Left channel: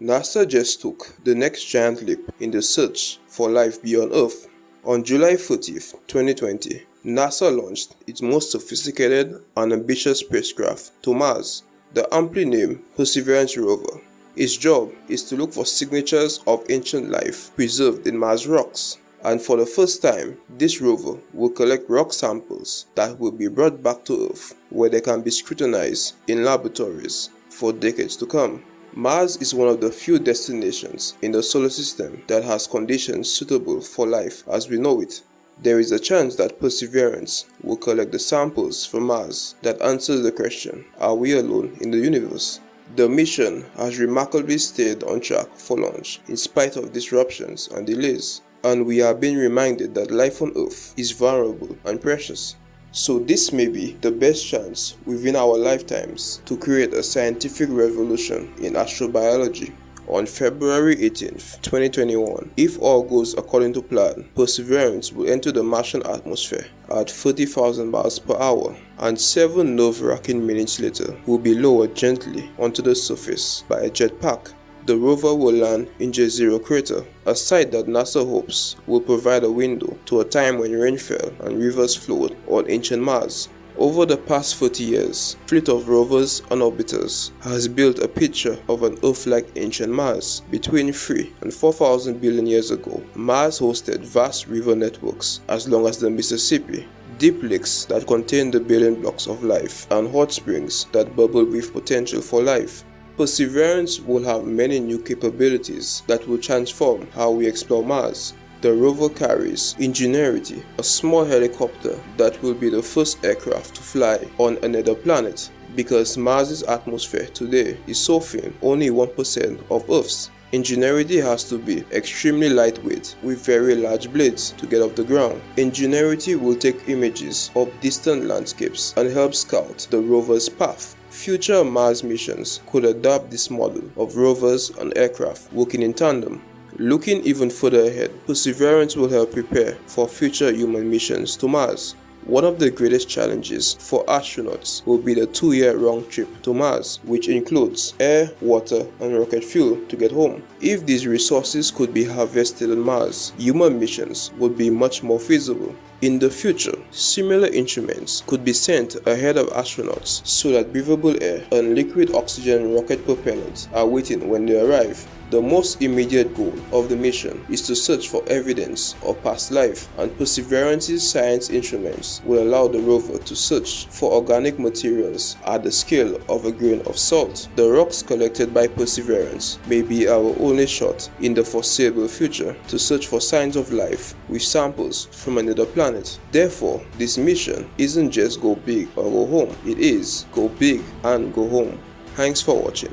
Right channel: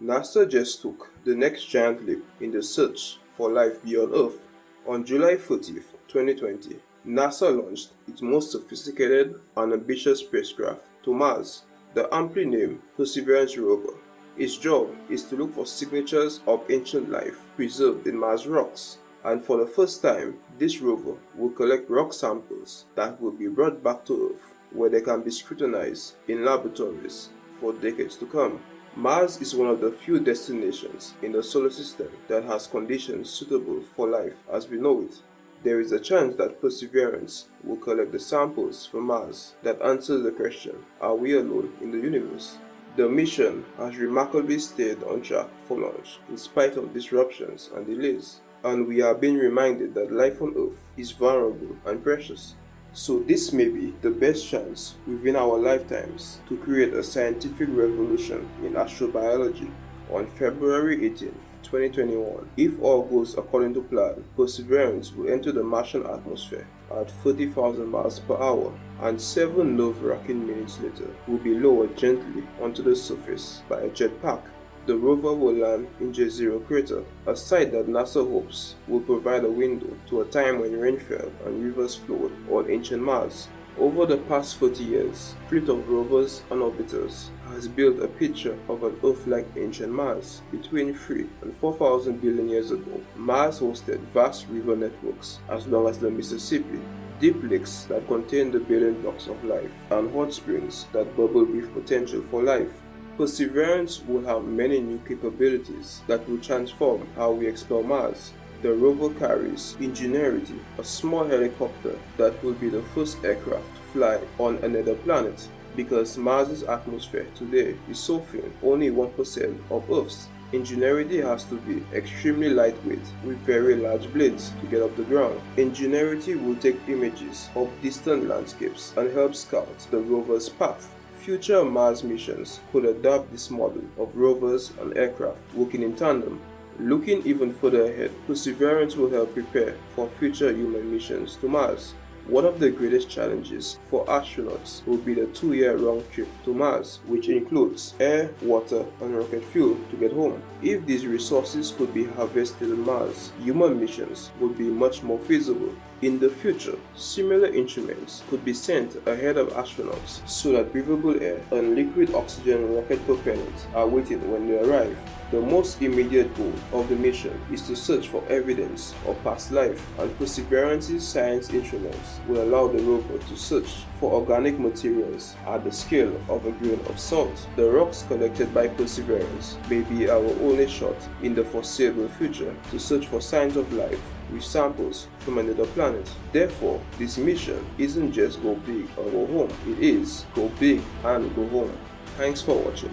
NASA just took the next giant leap in the search for life beyond Earth. On July 30th, 2020, NASA launched its most sophisticated and ambitious spacecraft to Mars, the aptly named Perseverance rover. Its job is to look for signatures of ancient life preserved in Mars rocks. And for the first time, this rover will collect rock samples that will be brought back to Earth, where they can be scrutinized in laboratories for decades to come. Mars is one of the few destinations in the solar system that has conditions suitable for life as we know it. There is a chance that Perseverance will collect the samples from Mars that answers the question, are we alone in the universe? The mission has remarkably stayed on track for launch in spite of disruptions and delays, and we are being reminded that life on Earth is vulnerable and precious. So this may be the best chance within our lifetimes to create a scientific revolution in astrobiology. On February 18th, 2021, if all goes according to plan, Perseverance will enter the Martian atmosphere at 30,000 miles per hour, and 7 nerve-wracking minutes later will be lowered gently onto the surface by a jetpack. The rover will land in J0 crater, a site that NASA hopes will provide a window to a time when rain fell and rivers flowed on ancient Mars. Over the past 40 years, a fleet of rovers and orbiters has built a picture of an Earth-like ancient Mars. Between 3 and 4,000 billion years ago, Mars hosted vast river networks as long as the Mississippi, deep lakes that contain the building blocks of life, and hot springs that bubble with potential for life. Perseverance will have many new capabilities that will transform how we explore Mars. The rover carries Ingenuity, a small helicopter that will be the first aircraft to fly on another planet, because Mars's atmosphere today is so thin, only 1% of Earth's. Ingenuity has to be extremely lightweight with very large blades to get off the ground. Ingenuity will take images of distant landscapes and help scout the rover's path. Future Mars missions could adopt this model of rovers and aircraft working in tandem. Looking even further ahead, Perseverance will help prepare for future human missions to Mars. One of the greatest challenges for astronauts will be the 2-year round trip to Mars, which includes air, water, and rocket fuel to get home. If these resources could be harvested on Mars, human missions would be much more feasible. In the future, similar instruments could be sent ahead of astronauts so that breathable air and liquid oxygen rocket propellants are waiting when they arrive. The most immediate goal of the mission is to search for evidence of past life, and Perseverance's science instruments will allow the rover to search for organic materials at the scale of a grain of salt. The rocks collected by Perseverance may be our only shot in the foreseeable future to search for signs of life with samples from another planet. Therefore, this mission isn't just go big or go home, it is go big and go home. Thanks for watching.